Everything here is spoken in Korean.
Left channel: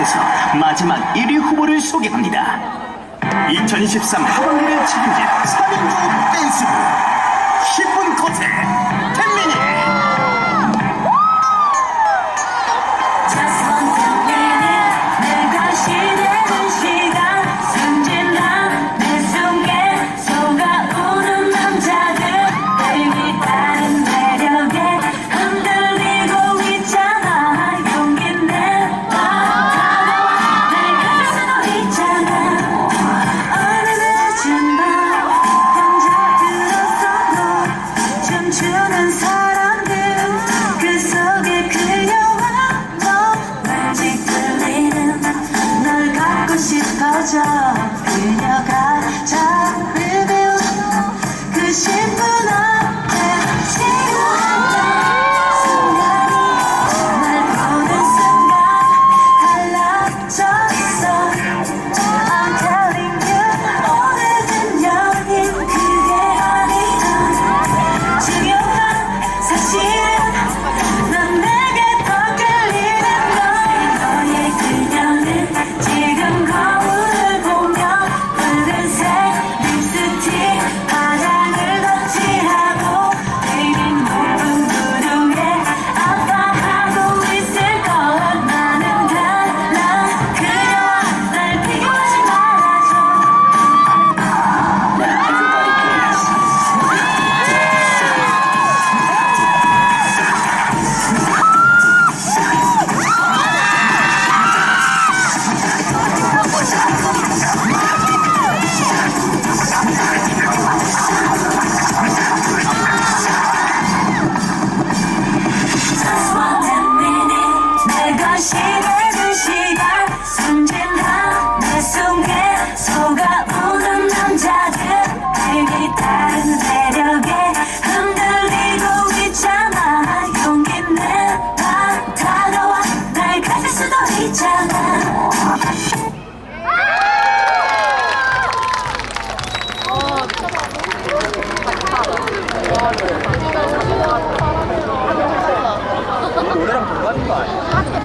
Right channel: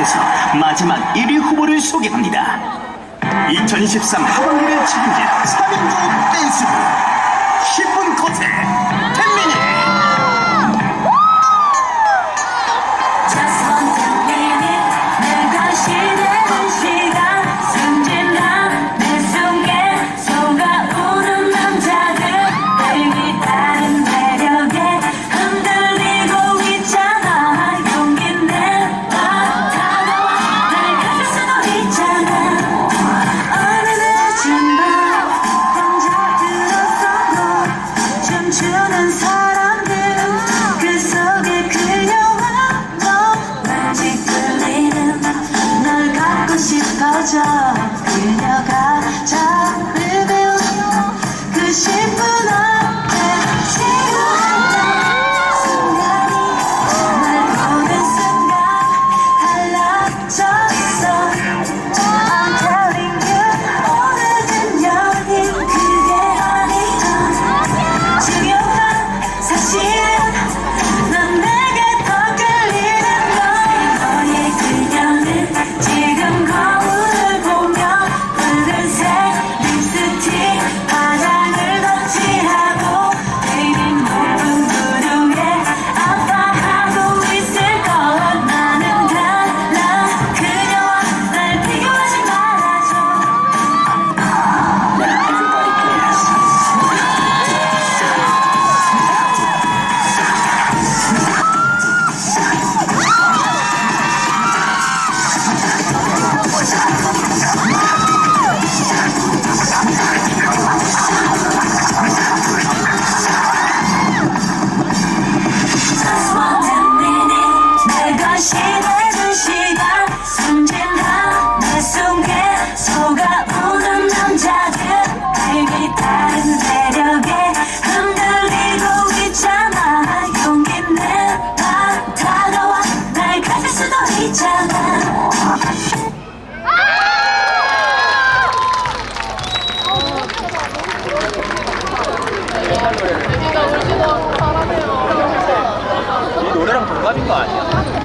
계속해서 마지막 1위 후보를 소개합니다. 2023 하반기를 책임질 3인조 맞아 그녀가. 오래된 시간 숨진다 내 속에 속아오는 남자들. 되게 다른 매력에 흔들리고 있잖아. 용기 내봐. 다가와. 날 가질 수도 있잖아.